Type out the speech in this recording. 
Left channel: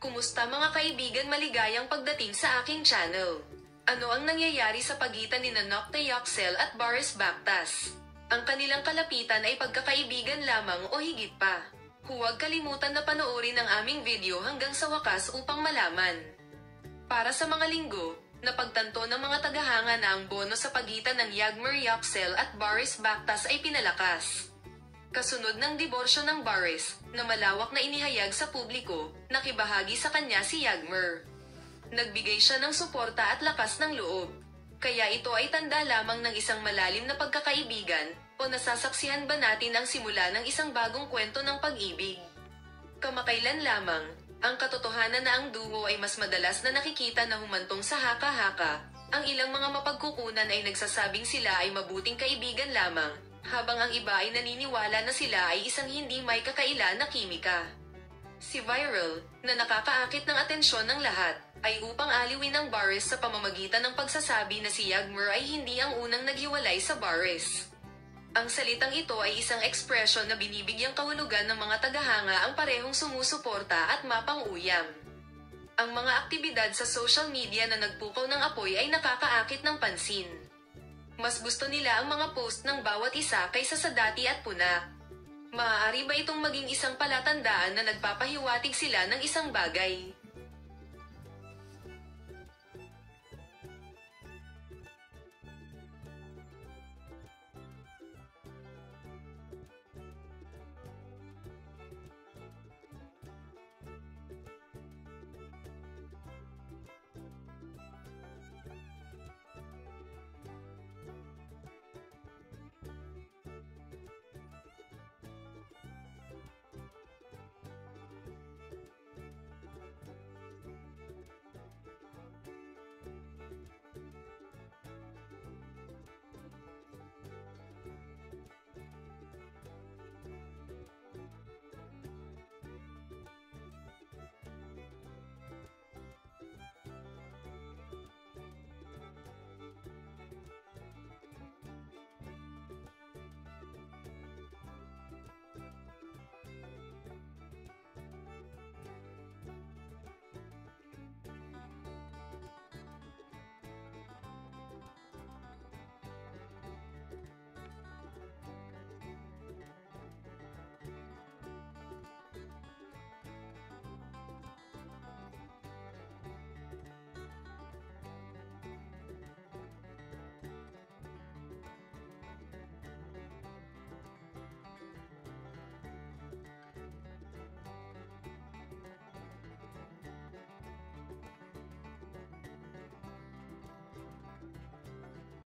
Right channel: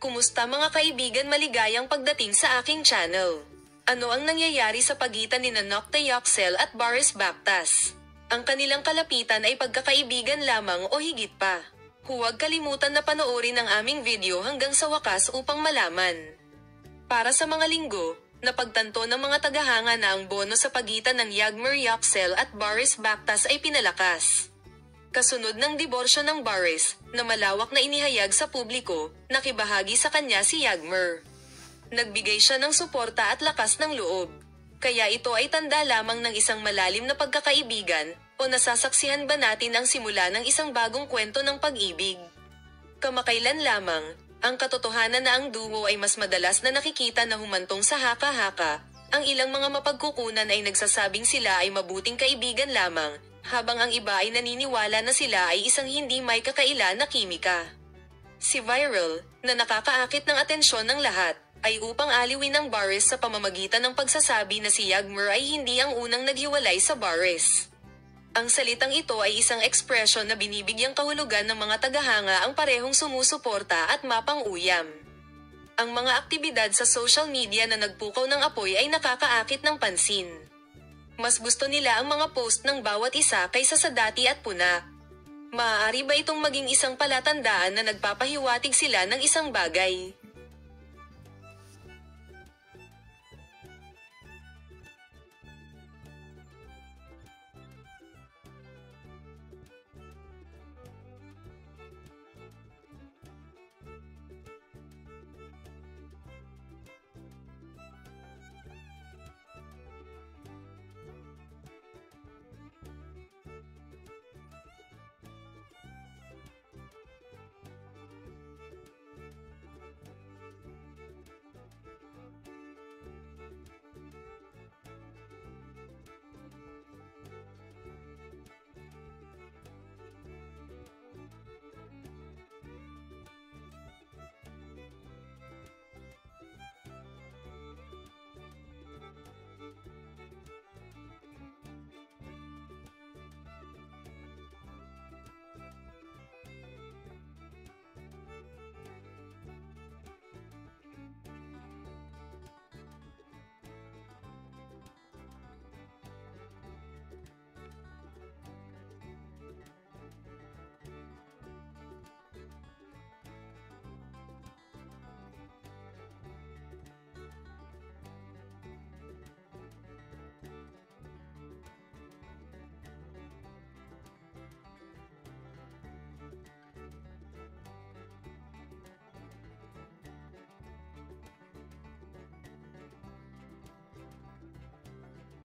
Kumusta mga kaibigan, maligayang pagdating sa aking channel. Ano ang nangyayari sa pagitan ni Nokta Yoxel at Boris Backtas? Ang kanilang kalapitan ay pagkakaibigan lamang o higit pa? Huwag kalimutan na panoorin ang aming video hanggang sa wakas upang malaman. Para sa mga linggo, napagtanto ng mga tagahanga na ang bono sa pagitan ng Yagmur Yoxel at Boris Backtas ay pinalakas. Kasunod ng diborsyo ng Boris, na malawak na inihayag sa publiko, nakibahagi sa kanya si Yagmur. Nagbigay siya ng suporta at lakas ng loob. Kaya ito ay tanda lamang ng isang malalim na pagkakaibigan, o nasasaksihan ba natin ang simula ng isang bagong kwento ng pag-ibig? Kamakailan lamang, ang katotohanan na ang duo ay mas madalas na nakikita na humantong sa haka-haka. Ang ilang mga mapagkukunan ay nagsasabing sila ay mabuting kaibigan lamang, habang ang iba ay naniniwala na sila ay isang hindi may kakaila na kimika. Si Viral, na nakakaakit ng atensyon ng lahat, ay upang aliwin ng Boris sa pamamagitan ng pagsasabi na si Yagmur ay hindi ang unang naghiwalay sa Boris. Ang salitang ito ay isang ekspresyon na binibigyang kahulugan ng mga tagahanga ang parehong sumusuporta at mapang-uyam. Ang mga aktibidad sa social media na nagpukaw ng apoy ay nakakaakit ng pansin. Mas gusto nila ang mga post ng bawat isa kaysa sa dati at puna. Maaari ba itong maging isang palatandaan na nagpapahiwatig sila ng isang bagay?